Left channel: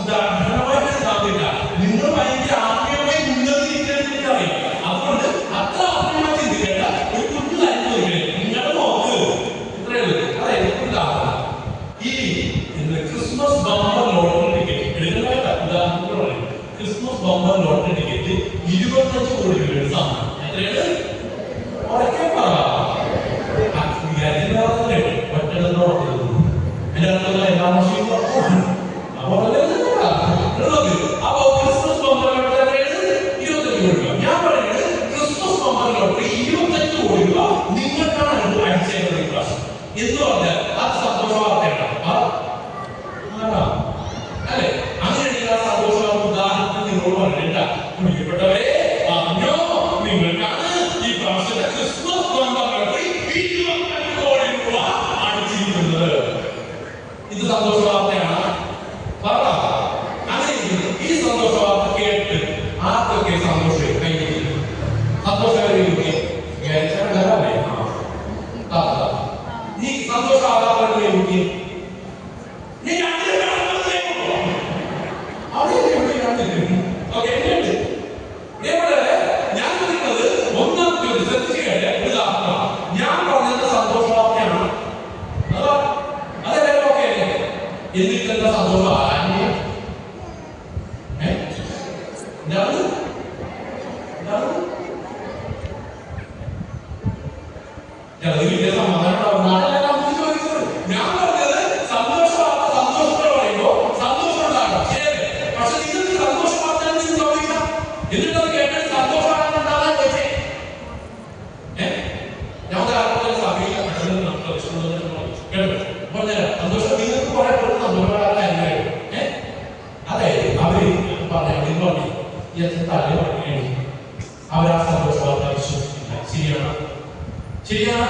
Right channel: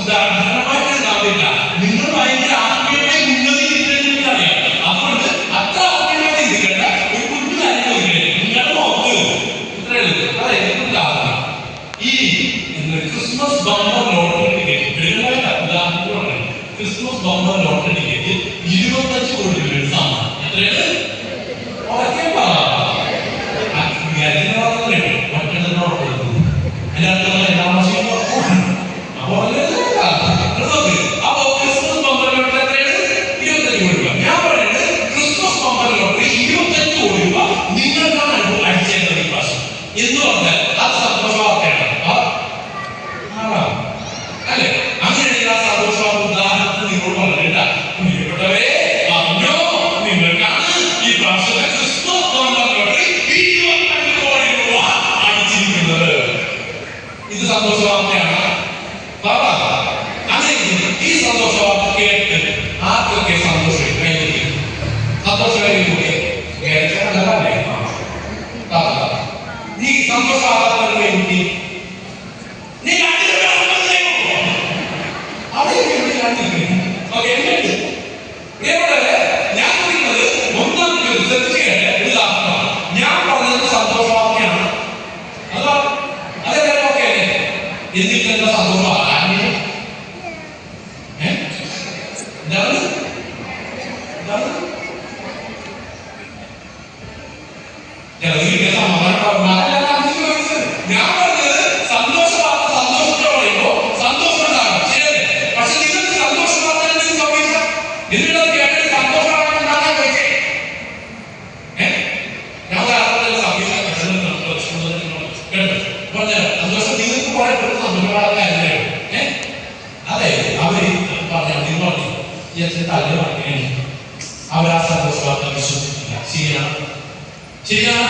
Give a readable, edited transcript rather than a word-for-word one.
ഉദാഹരണമായിട്ട് ഉണ്ടാവില്ല. നിങ്ങൾ ഭയങ്കര ആത്മീയമായി ഉന്നതിയിരിക്കുന്നത് അറിയാം. അതുകൊണ്ട് അത്ര ആത്മീയമായി ചിന്തിക്കേണ്ട ഒരു കുഞ്ഞു കാര്യം നിങ്ങൾ നോക്ക്. ഇത്രയേ ഉള്ളൂ. അതായത് ഉദാഹരണം, ഈ ക്രിസ്മസ് ബമ്പർ ലോട്ടറി ടിക്കറ്റ് ഉദാഹരണം, ക്രിസ്മസ് ബമ്പർ ലോട്ടറി ടിക്കറ്റ് 25 കോടി രൂപയുടെ സമ്മാനം. എത്രയാണ്? എന്ന് പറഞ്ഞാൽ അത് സന്തോഷ വാർത്തയാണ് അല്ലെ? അങ്ങനെയാണെങ്കിൽ ആ സന്തോഷ വാർത്ത ഉദാഹരണത്തിന് നിങ്ങളോട് പറഞ്ഞില്ല, പ്രിയപ്പെട്ടവരെ അറിഞ്ഞോ, നിങ്ങൾക്കാണ് ഈ പ്രാവശ്യത്തെ ക്രിസ്മസ് ലോട്ടറി 25 കോടി രൂപ അടിച്ചിരിക്കുന്നത്. ഇത് സന്തോഷ വാർത്തയാണ്. അങ്ങനെ ഈ സന്തോഷ വാർത്ത കേട്ട് ആർക്കൊക്കെ സന്തോഷം കഴിഞ്ഞിരിക്കും? സന്തോഷകരല്ലേ? നീ സന്തോഷമാകാതെ കുട്ടി നീ ഞാൻ പറയുന്നത് ഒന്നാം ഉദാഹരണമാണ്. ഞാൻ പറഞ്ഞത് സന്തോഷവാർത്തയാണ്. അതെല്ലാം ഓക്കെ അല്ലേ? എന്നിട്ട് എന്താ സന്തോഷം? ഞാൻ പറഞ്ഞത് സന്തോഷവാർത്ത. സന്തോഷത്തെ പറയുമ്പോ സന്തോഷം ഉണ്ടാകണം, ശരിയല്ലേ? പക്ഷെ നിങ്ങൾക്ക് സന്തോഷവാർത്ത സംഭവിക്കാം. എന്നിട്ട് കേട്ടിട്ട് സന്തോഷമാണ് ഉണ്ടാകാൻ പറ്റേ? ഞാൻ സന്തോഷം നിങ്ങൾക്ക് പറയപ്പെടുന്ന സന്തോഷവാർത്തയല്ലേ? അതായത് അവര് അവരാ സന്തോഷവാർത്ത വിശ്വസിക്കില്ല. ശരിയാണ്, ശരിയാണ്.